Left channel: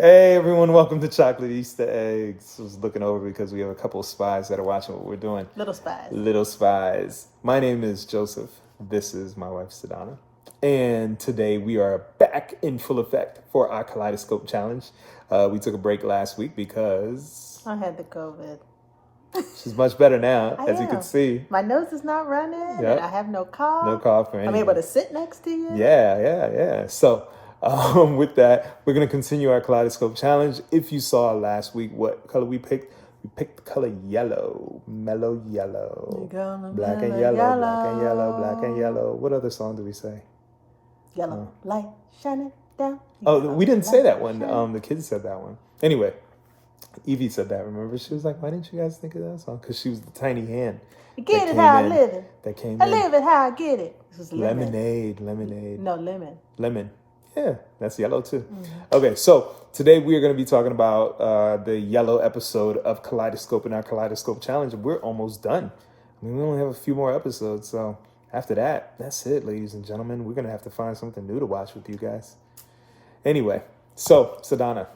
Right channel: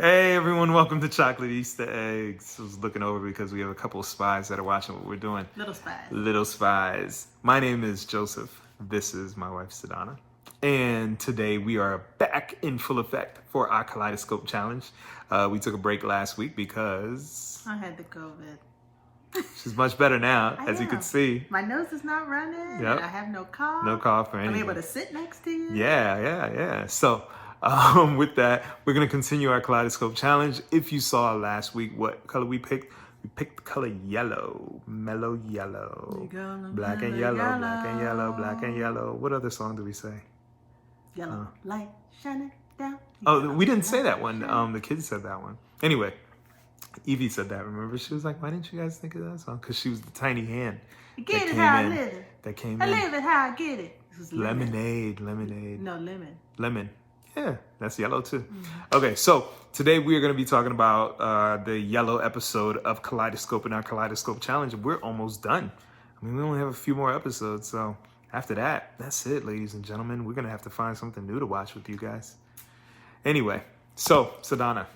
Hey everyone, welcome to Chocolate Easter Eggs. I was looking over because we have a couple of spies that are watching what we're doing. Little spies. Little spies. My name is Joseph. This is my wife, Sedana. And today we are back in full effect for our Kaleidoscope Challenge. We took a break last week because I had the COVID. she's much better now, as you can see. My nose is not running, and I have no cough. No cough or anything. I'm able to sit next to you. Yeah. So, with that, we're going to continue our Kaleidoscope Challenge. If you saw last week what color we picked the color yellow, mellow yellow. Black and yellow, black and yellow, black and yellow. What other song do we say? Yellow light shining down. Oh, we didn't say that one. The kids said that one. Anyway, Evie said that, remember? She was like, why didn't you guys think of that song? Because she was the tiny hand. Get it how I live it. That came I in. live it how I get it. This was Lemonade. No, lemon. Lemon. Yeah, that's yellow too. Okay, so today we are going to be talking about the yellow episode of Kaleidoscope in our Kaleidoscope Challenge. We're almost done. I mean, we only have a few more episodes, so after that, that's it, ladies and gentlemen. We're going to have to find something new to watch with you guys. Anyway, so, Sedana.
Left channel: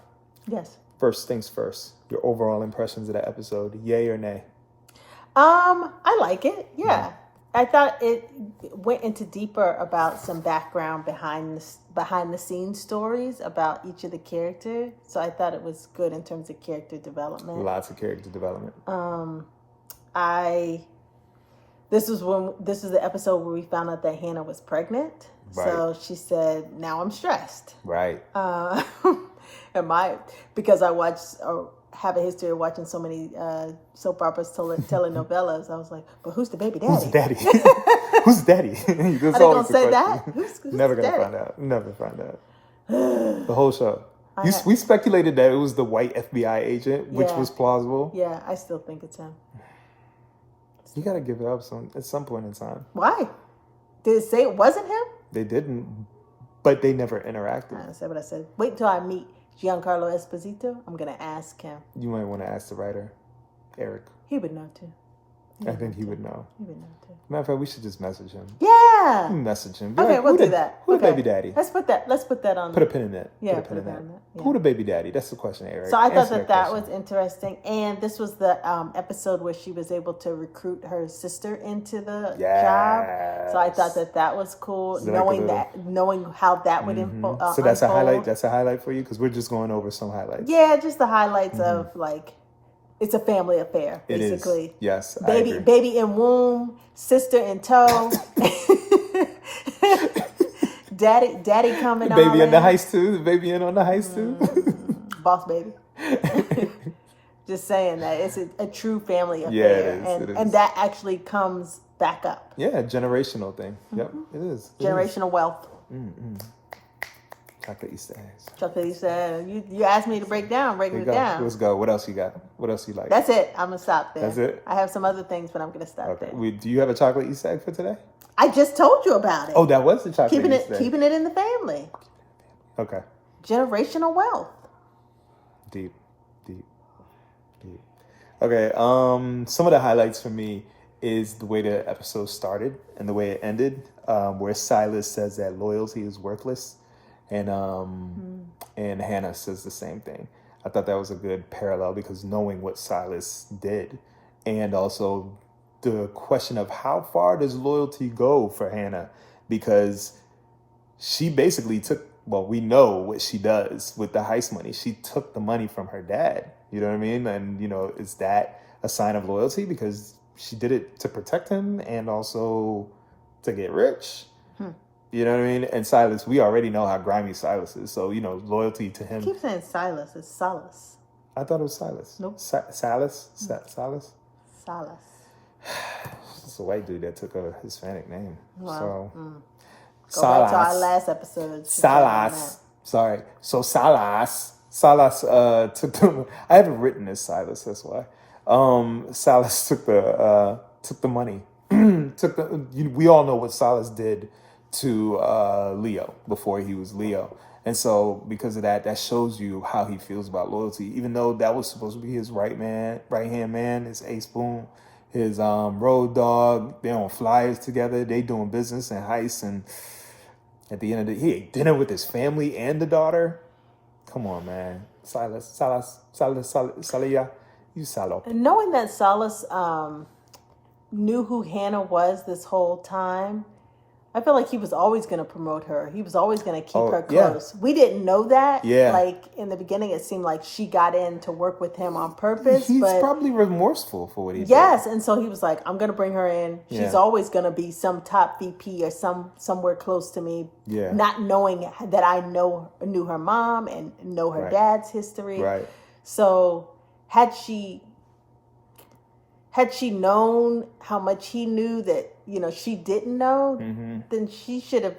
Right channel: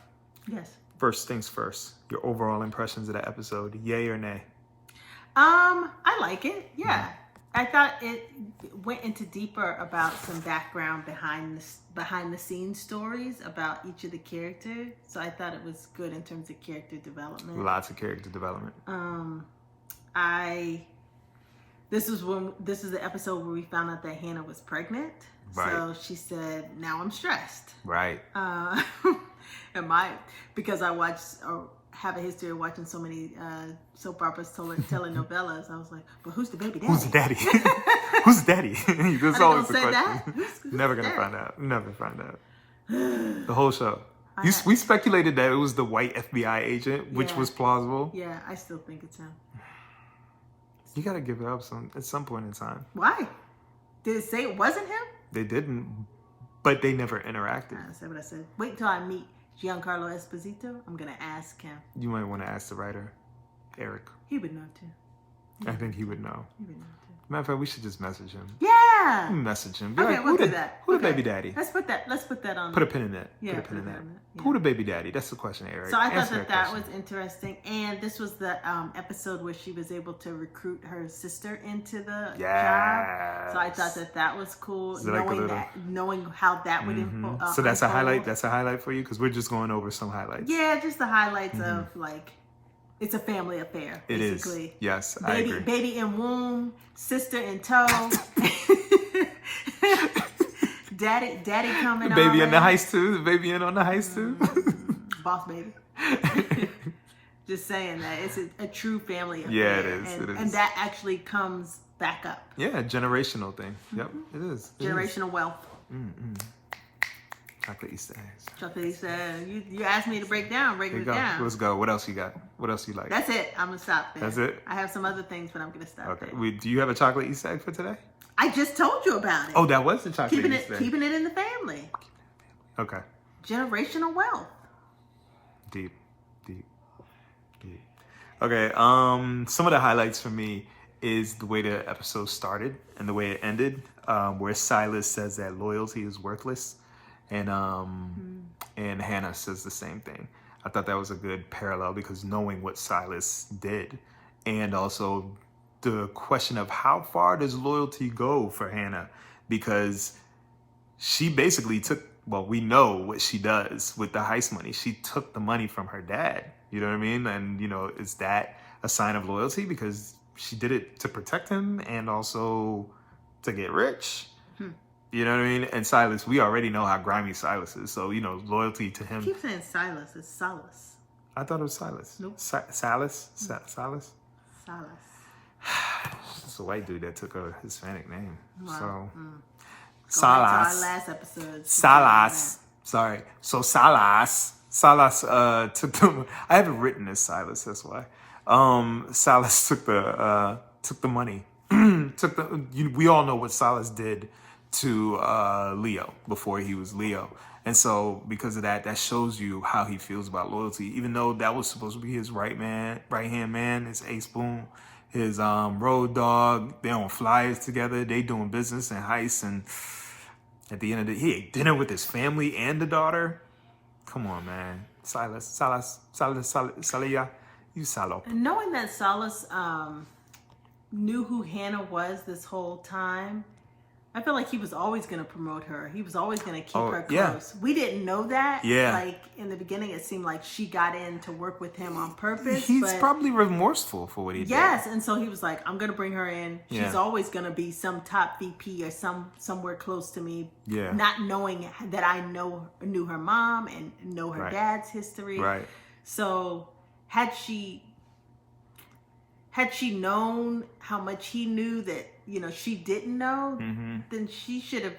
Yes. First things first, your overall impressions of that episode, yay or nay? I like it. Yeah. I thought it went into deeper about some background behind the scenes stories about each of the characters. So I thought it was good in terms of character development. Lots of character development. This is the episode where we found out that Hannah was pregnant. Right. So she said, "Now I'm stressed." Right. Because I have a history of watching so many soap operas, telenovelas. I was like, but who's the baby daddy? Who's the daddy? Who's the daddy? That's always the question. That? Who's Never gonna find out. Never find out. The whole show. We speculated that it was the white FBI agent, which was plausible. Yeah, I still think it's him. You gotta give it up at some point in time. Why? Did it say it wasn't him? They didn't, but they never interacted. I said what I said. Wait until I meet Giancarlo Esposito. I'm gonna ask him. You might want to ask the writer, Eric. He would know too. I think he would know. He would know too. Matter of fact, we should just message him. Yeah. Message him. Okay, we'll do that. Who the baby daddy? Let's put that on. Put a pin in that. Yeah, put a pin in that. Yeah. Who the baby daddy? That's the question, Eric. So I thought that was interesting, and this was the episode where she was able to recruit her sister into the job. So I thought that was cool, knowing how that would unfold. So that's a highlight. That's a highlight for you because we're just going over some highlights. Yeah, just the highlights of it's a family affair, basically. It is. Yes, I agree. Baby in womb, sister in tow. Daddy coming on. Baby in the heist too. The baby in on the heist too. Boss baby. Just saying that it's a true family affair. Yeah, it is. And that actually comes back up. Yeah, generational thing. Yep, it is. Generational wealth. Chocolate Easter eggs. Chocolate Easter eggs. You asked me to break it down. Let's go. What else you got? What else you like? That's it. I'm going to stop there. That's it? I have some other things, but I'm going to stop there. Do you have a chocolate Easter egg for today? I just told you about it. Oh, that was the chocolate Easter egg. Keeping it in the family. Okay. Generational wealth. Deep. Okay, some of the highlights for me is the way the episode started and the way it ended, where Silas says that loyalty is worthless, and Hannah says the same thing. I thought that was a good parallel because knowing what Silas did, and also the question of how far does loyalty go for Hannah, because she basically took, well, we know what she does with the heist money. She took the money from her dad. You know what I mean? And, is that a sign of loyalty? Because she did it to protect him and also to get rich. You know what I mean? And Silas, we already know how grimy Silas is. So, loyalty to him. I keep saying Silas. It's Salas. I thought it was Silas. Nope. Silas? Silas? Salas. It's a white dude that took a Hispanic name. Wow. So, Go back to our last episode. Salas. Sorry. So Salas took the. I have it written as Silas. That's why. Salas took the money. We all know what Silas did to Leo before he was Leo, and so because of that shows you how he feels about loyalty. Even though that was supposed to be his right hand man, his Ace Boone, his road dog. They on flyers together. They doing business and heists, and at the end of the day, he ate dinner with his family and the daughter. Come on, man. Silas, Salia, you salop. And knowing that Silas knew who Hannah was this whole time, I feel like he was always going to promote her. He was always going to keep her close. We didn't know that. Yeah. Like, in the beginning, it seemed like she got in to work with him on purpose. He's probably remorseful for what he did. Yes, and so he was like, I'm going to bring her in. She's Yeah. always going to be some top VP or somewhere close to me. Yeah. Not knowing that I knew her mom and know her dad's history. Right. So had she known how much he knew that, she didn't know, then she should have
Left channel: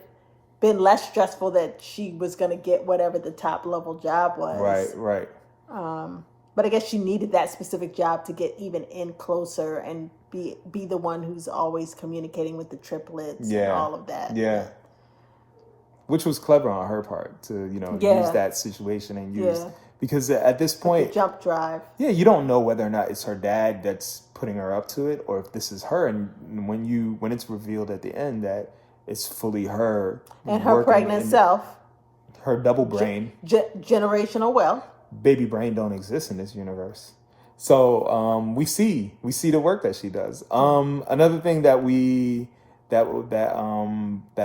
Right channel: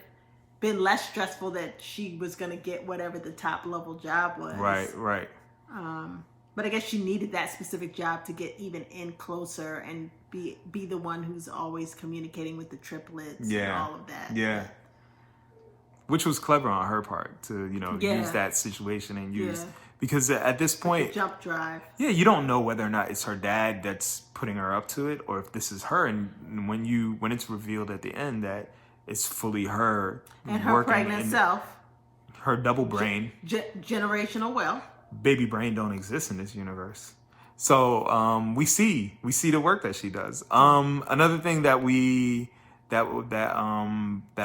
been less stressful that she was going to get whatever the top level job was. Right. But I guess she needed that specific job to get even in closer and be the one who's always communicating with the triplets and all of that. Yeah. Which was clever on her part to, use that situation and use... Because at this point... Like jump drive. Yeah, you don't know whether or not it's her dad that's putting her up to it or if this is her. And when it's revealed at the end that it's fully her... And her pregnant self. Her double brain. Generational wealth. Baby brain don't exist in this universe. So we see the work that she does. Another thing that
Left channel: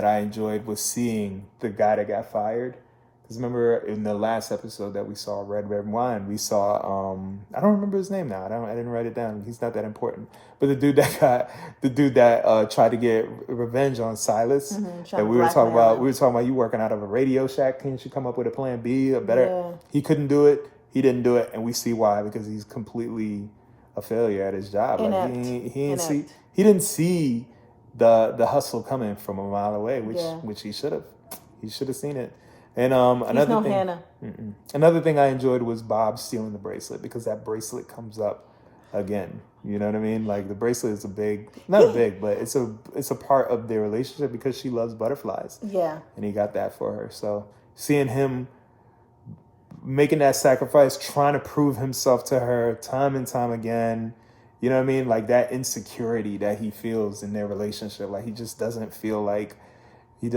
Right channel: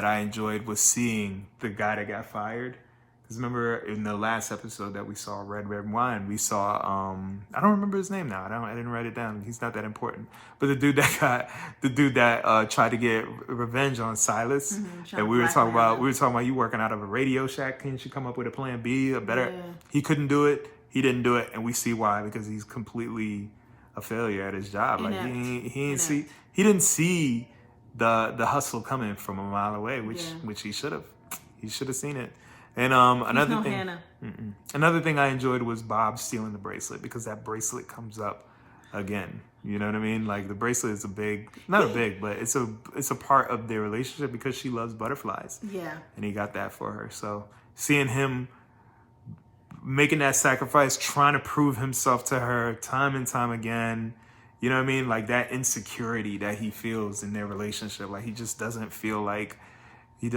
I enjoyed was seeing the guy that got fired. Because remember in the last episode that we saw Red Wine, we saw I don't remember his name now. I didn't write it down. He's not that important. But the dude that tried to get revenge on Silas. That we were talking about you working out of a Radio Shack. Can't you come up with a plan B, a better? Yeah. He couldn't do it. He didn't do it, and we see why, because he's completely a failure at his job. Inept. Like he didn't see the hustle coming from a mile away, which he should have. He should have seen it. And another thing I enjoyed was Bob stealing the bracelet, because that bracelet comes up again. You know what I mean? Like the bracelet is but it's a part of their relationship because she loves butterflies. Yeah. And he got that for her. So seeing him making that sacrifice, trying to prove himself to her time and time again, you know what I mean? Like that insecurity that he feels in their relationship. Like he just doesn't feel like he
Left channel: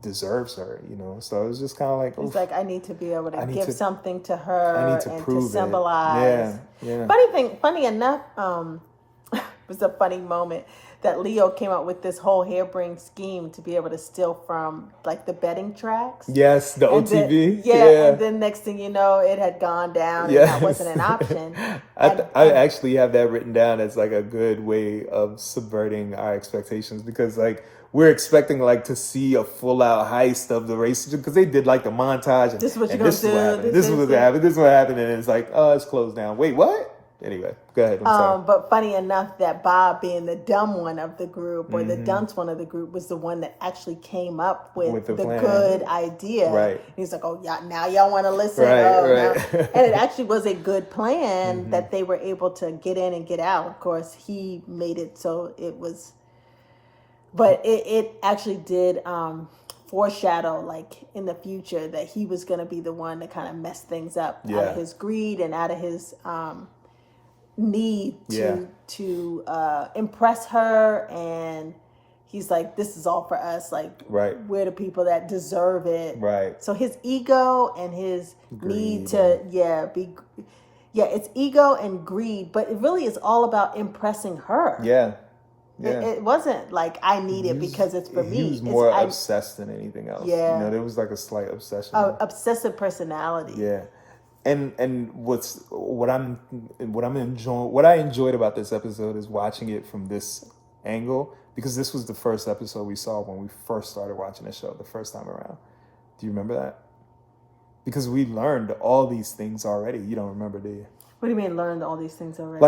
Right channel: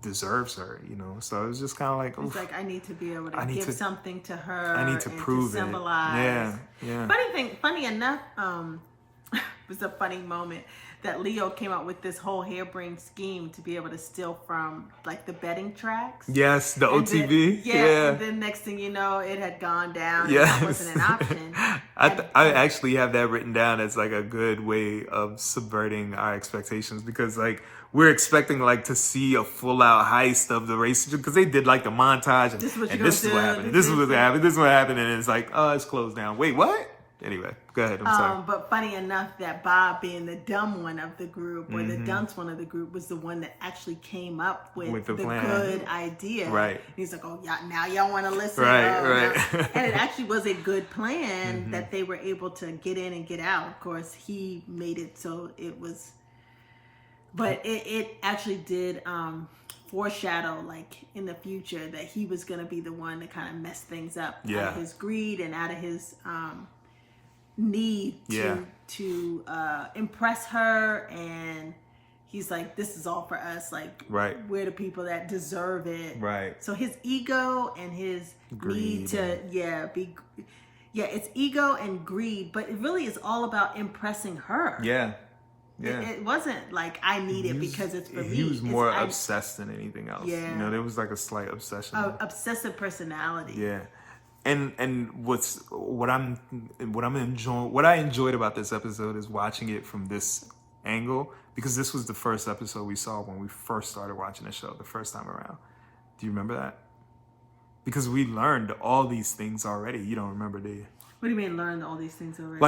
deserves her, So it was just kind of like... He's like, I need to be able to give something to her. I need to prove to symbolize. Yeah. Funny enough, it was a funny moment that Leo came up with this whole harebrained scheme to be able to steal from like the betting tracks. Yes, the OTV. And then next thing you know, it had gone down and that wasn't an option. I actually have that written down as like a good way of subverting our expectations, because like we're expecting like to see a full out heist of the race, because they did like the montage and this is what happened. This is what happened. This is what happened, and it's like, oh, it's closed down. Wait, what? Anyway, go ahead. I'm sorry. But funny enough that Bob, being the dumb one of the group, or the dunce one of the group, was the one that actually came up with the good idea. Right. He's like, oh, now y'all want to listen. Right. And it actually was a good plan that they were able to get in and get out. Of course, he made it so it was... But it actually did foreshadow, like, in the future that he was going to be the one to kind of mess things up out of his greed and out of his... need to impress her, and he's like, this is all for us, like we're the people that deserve it, so his ego and his greed need to it's ego and greed, but it really is all about impressing her. It wasn't like I need it because it's for me. He was more obsessed than anything else. There was like a slight obsession, obsessive personality. And what I enjoyed about this episode is watching it from this angle, because this was the first episode we saw when we first started watching the show the first time around. Do you remember that? Because we learned all these things already. You don't remember, do you? What do you mean learned all these things already?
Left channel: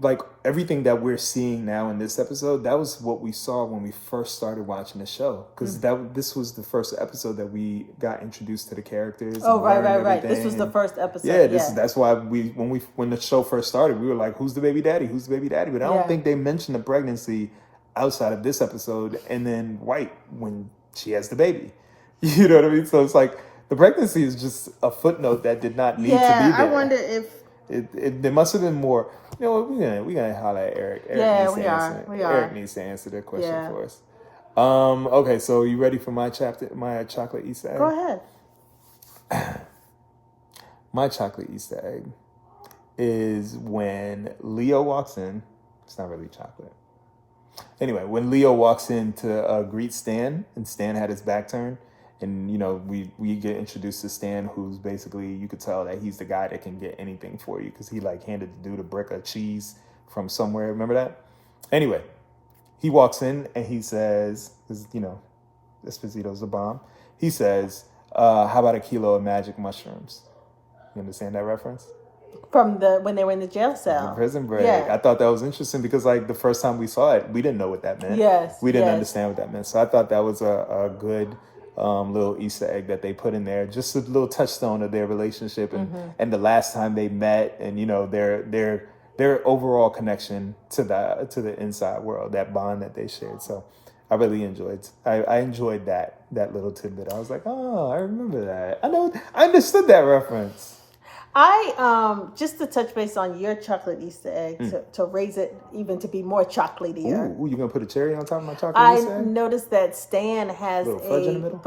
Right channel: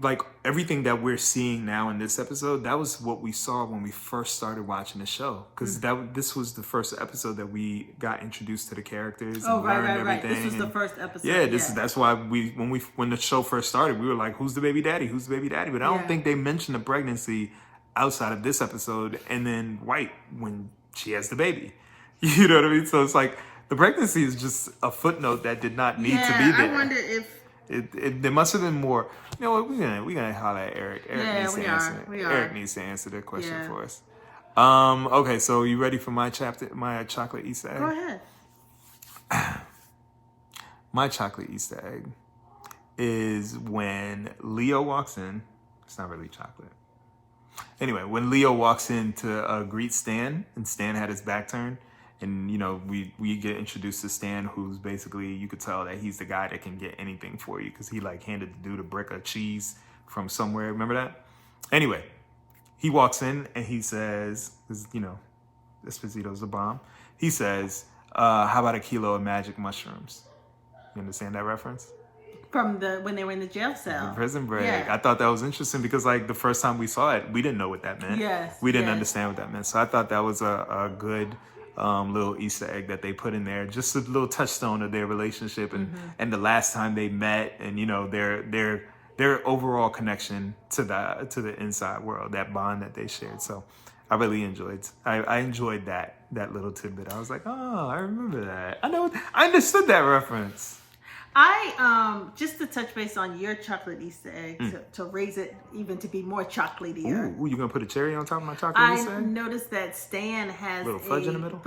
Like everything that we're seeing now in this episode, that was what we saw when we first started watching the show. Because this was the first episode that we got introduced to the characters. Oh, right. This was the first episode. That's why when the show first started, we were like, who's the baby daddy? Who's the baby daddy? But I don't think they mentioned the pregnancy outside of this episode, and then White when she has the baby. You know what I mean? So it's like the pregnancy is just a footnote that did not need to be there. I wonder if there must have been more. You know what? We're gonna holler at Eric. Eric needs to answer that question for us. Okay, so you ready for my chocolate Easter egg? Go ahead. My chocolate Easter egg is when Leo walks in. It's not really chocolate. Anyway, when Leo walks in to greet Stan, and Stan had his back turned, and we get introduced to Stan, who's basically, you could tell that he's the guy that can get anything for you, because he like handed the dude a brick of cheese from somewhere. Remember that? Anyway, he walks in and he says, Esposito's a bomb. He says, "How about a kilo of magic mushrooms?" You understand that reference? From when they were in the jail cell. The prison break. Yeah. I thought that was interesting because like the first time we saw it, we didn't know what that meant. Yes. We didn't understand what that meant. So I thought that was a good little Easter egg that they put in there. Just a little touchstone of their relationship and the last time they met, and their overall connection to the inside world, that bond that they shared. So I really enjoyed that little tidbit. I was like, oh, I remember that. I understood that reference. I just to touch base on your chocolate Easter egg, to raise it even to be more chocolatier. Ooh, you gonna put a cherry on top of my chocolate Easter egg? I noticed that Stan has little fudge in the middle?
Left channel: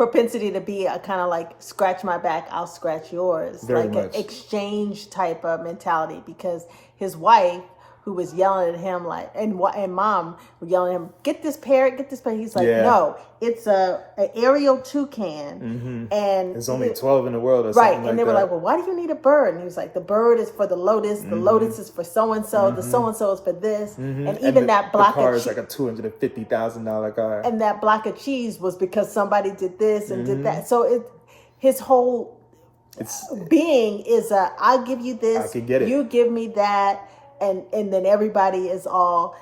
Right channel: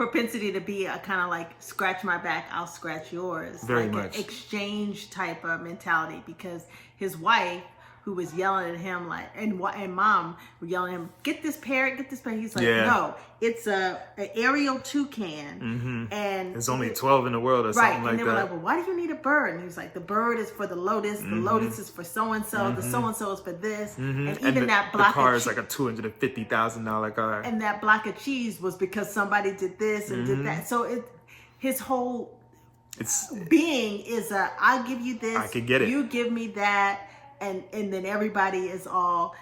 propensity to be a kind of like scratch my back, I'll scratch yours, Very like much. an exchange type of mentality, because his wife, who was yelling at him and mom were yelling at him, get this parrot. He's like, no, it's an aerial toucan, and there's only 12 in the world or something like that. Right, and they were like, well, why do you need a bird? And he was like, the bird is for the lotus, the lotus is for so-and-so, the so-and-so is for this, and even that block the car is like a $250,000 car. And that block of cheese was because somebody did this and did that. So his whole being is I'll give you this, I can get it. You give me that. And then everybody's all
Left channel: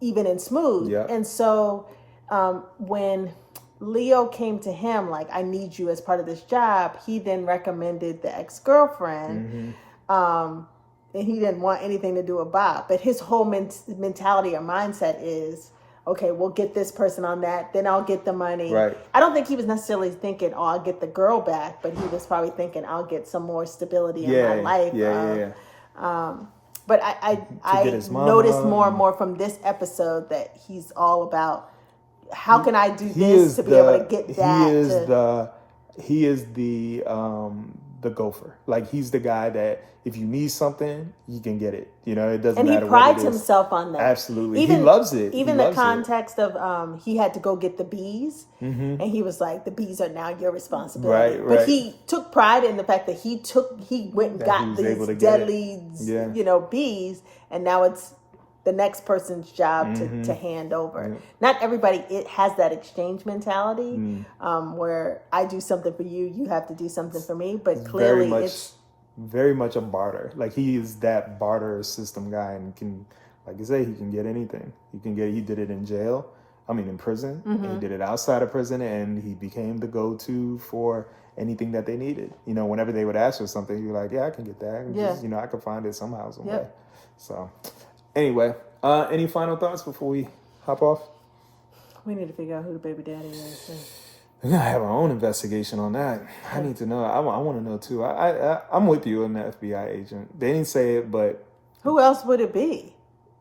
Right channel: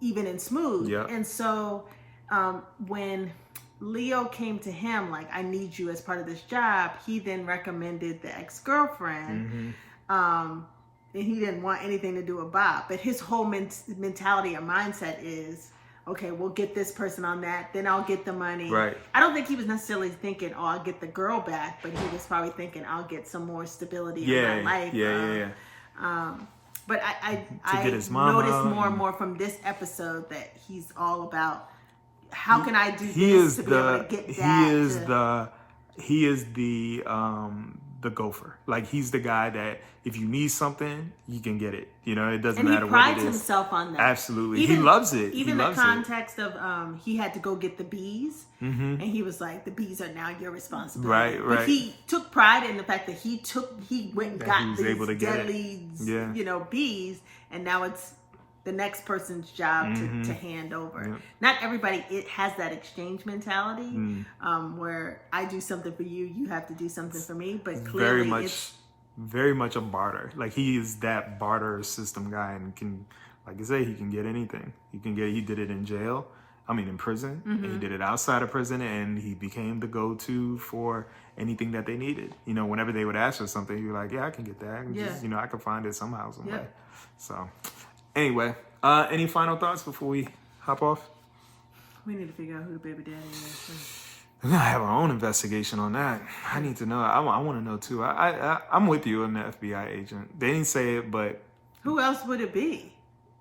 even and smooth. Yep. And so when Leo came to him like, I need you as part of this job, he then recommended the ex-girlfriend. And he didn't want anything to do with Bob. But his whole mentality or mindset is, okay, we'll get this person on that, then I'll get the money. Right. I don't think he was necessarily thinking, I'll get the girl back, but he was probably thinking, I'll get some more stability in my life. But I noticed more and more from this episode that he's all about, how can I do this to be able to get that? He is the gopher. Like, he's the guy that if you need something, you can get it. It doesn't matter what it is. And he prides himself on that. Absolutely. He loves it. Even the context of he had to go get the bees. And he was like, the bees are now your responsibility. Right. But he took pride in the fact that he went and got these deadly, bees. And now it's the next person's job to hand over. Yeah. Not everybody has that exchange mentality where I do something for you, you have to do something for me. But clearly it's very much a barter. Like, he is that barter system guy, and can, like I say, he can get anything. He did it in jail. In prison. And he did it outside of prison, and he became the go-to for anything that they needed. Whenever they would ask for something, he'd be like, yeah, I can get that. And just, I can find it somehow, some way. So anyway, any final thoughts before we hop off? We need to figure out who the baby daddy is. We're going to have our own investigation on that. I need to know. I want to know, too. I'm with you on the FBI agent. They didn't say it, but... Who else would it be?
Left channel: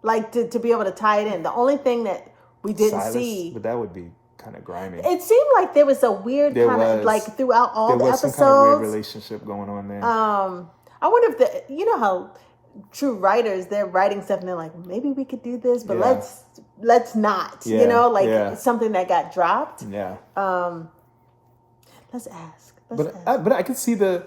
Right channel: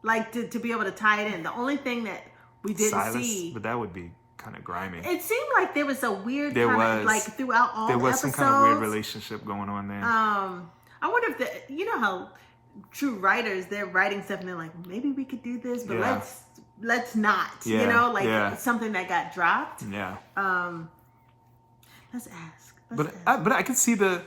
Like, to be able to tie it in. The only thing that we didn't see... But that would be kind of grimy. It seemed like there was a weird kind of... Like, throughout all the episodes... There was some kind of weird relationship going on there. I wonder if you know how true writers, they're writing stuff and they're like, maybe we could do this, but let's not. Something that got dropped. Yeah. Let's ask. But I can see the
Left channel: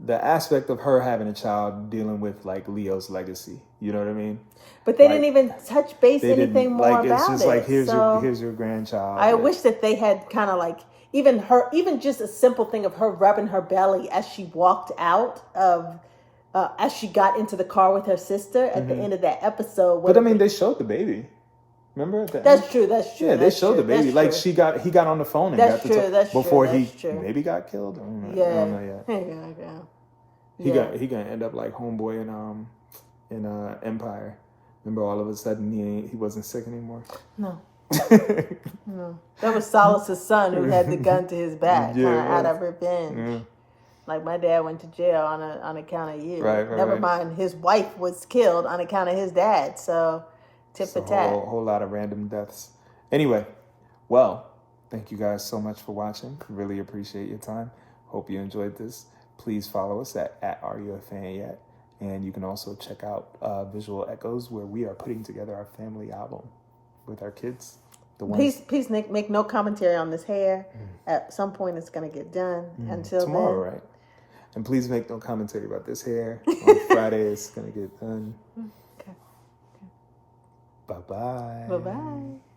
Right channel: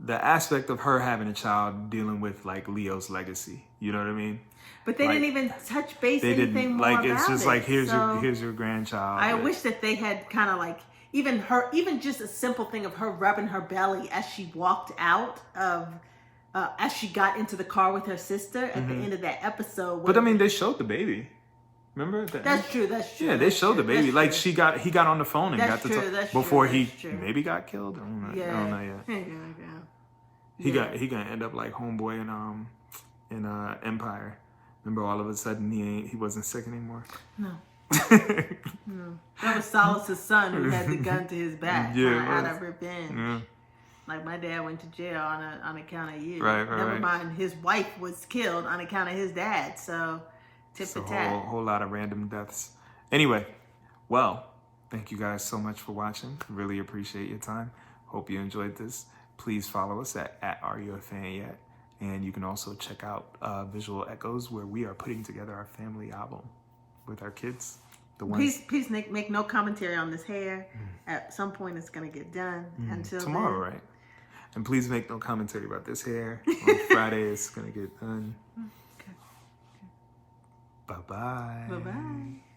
aspect of her having a child dealing with like Leo's legacy. You know what I mean? But they didn't even touch base anything more about it. It's just like here's your grandchild. I wish that they had kind of like even just a simple thing of her rubbing her belly as she walked out of as she got into the car with her sister at the end of that episode. But they showed the baby. Remember? That's true. Yeah, they showed the baby. Like he got on the phone and got to talk before he maybe got killed. I don't know yet. He gonna end up like homeboy in Empire. Remember, all of a sudden he wasn't sick anymore. No. No, that was Solace's son who had the gun to his back, out of revenge. Yeah. Like, my dad went to jail on account of you. Right. Never mind, his wife was killed on account of his dad. So Tit for a tat. whole lot of random deaths. Anyway, well, thank you guys so much for watching. Really appreciate your time. Hope you enjoyed this. Please follow us at Are You a Fan Yet? And you can also check out Visual Echoes, where we are putting together our family album with our kids. Please, Nick, make no commentary on this hair. At some point, it's going to get done. Until tomorrow, then. right? And please make no commentary about this hair. On Friday, it's going to get done. Okay. Bye-bye. Bye-bye.